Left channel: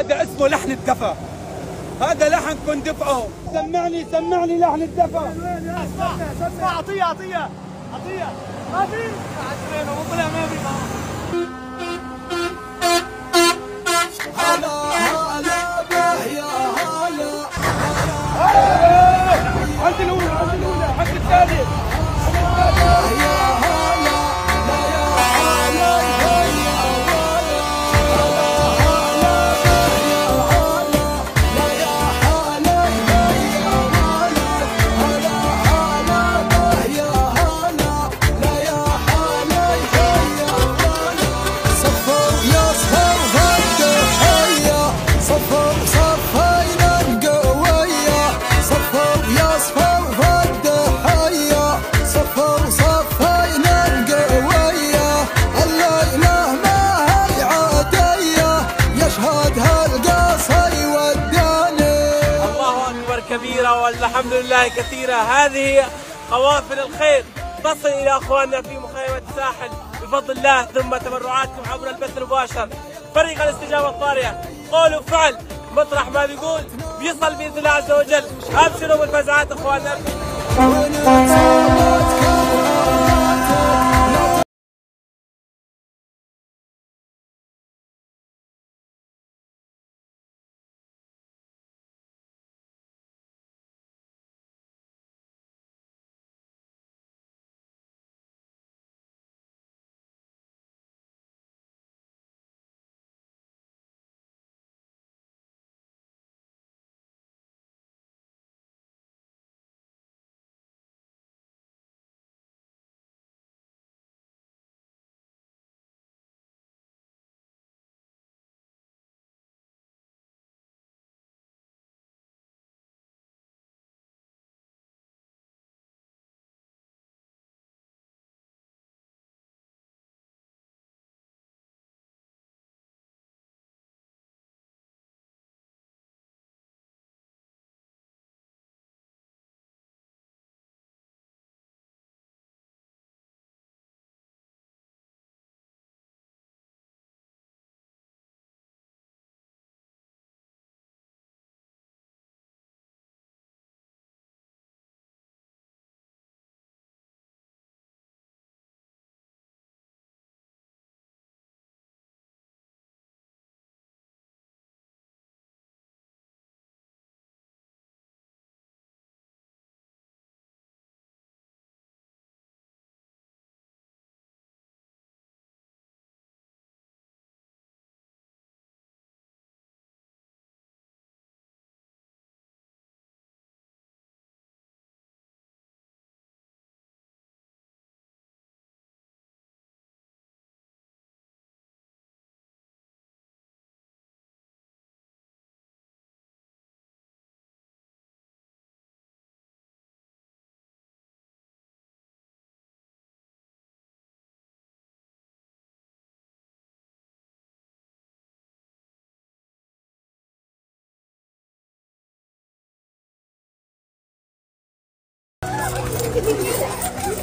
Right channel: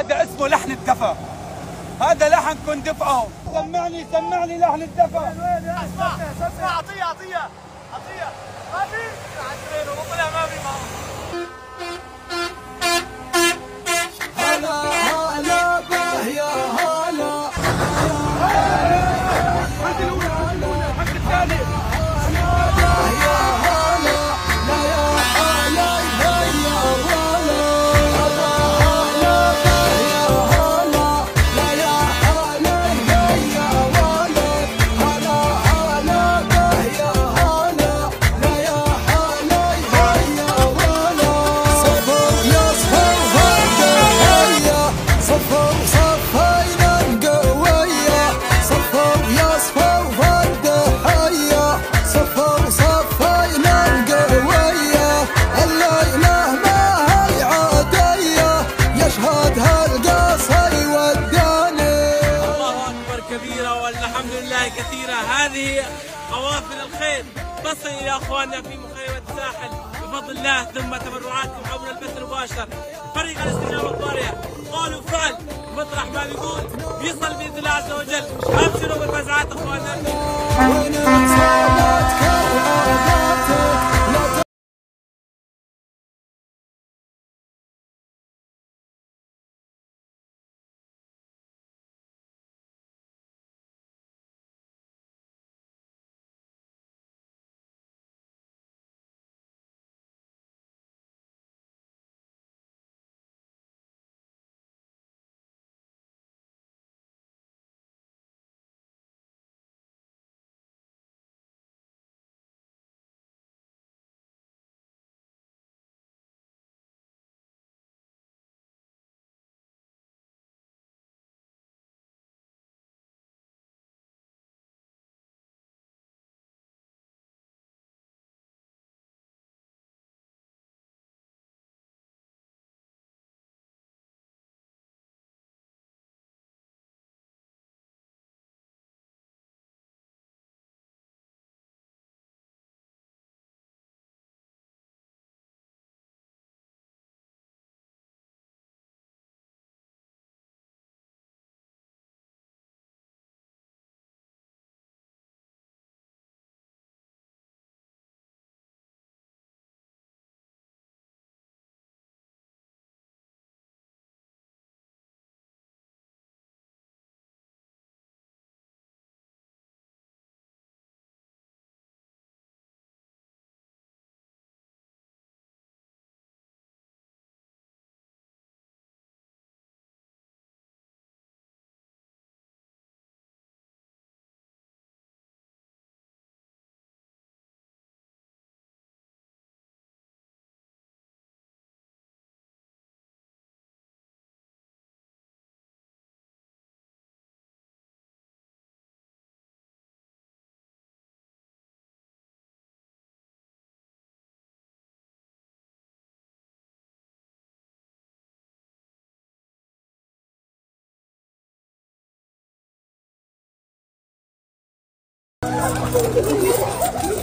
هذا اسمه لحن الدفا، هذا لحن كن دفعه. سمعني لحن الدفا. اسمع عطيه ما في عشرين وطلع ما في. هلا به يا هلا. عند الأولى حق الثاني. كبيرة والحمد لله كثيرة. هذه قوافل الخير تصل إلى أخواننا في مخيمة الساحل بفضل الله، ثم تبرعاتكم عبر البث المباشر. فريق الاستجابة الطارئة قول وفعل، مطرح ما بيقول بيصل بإذن الله عز وجل. أبشروا بالفزعات أخواننا.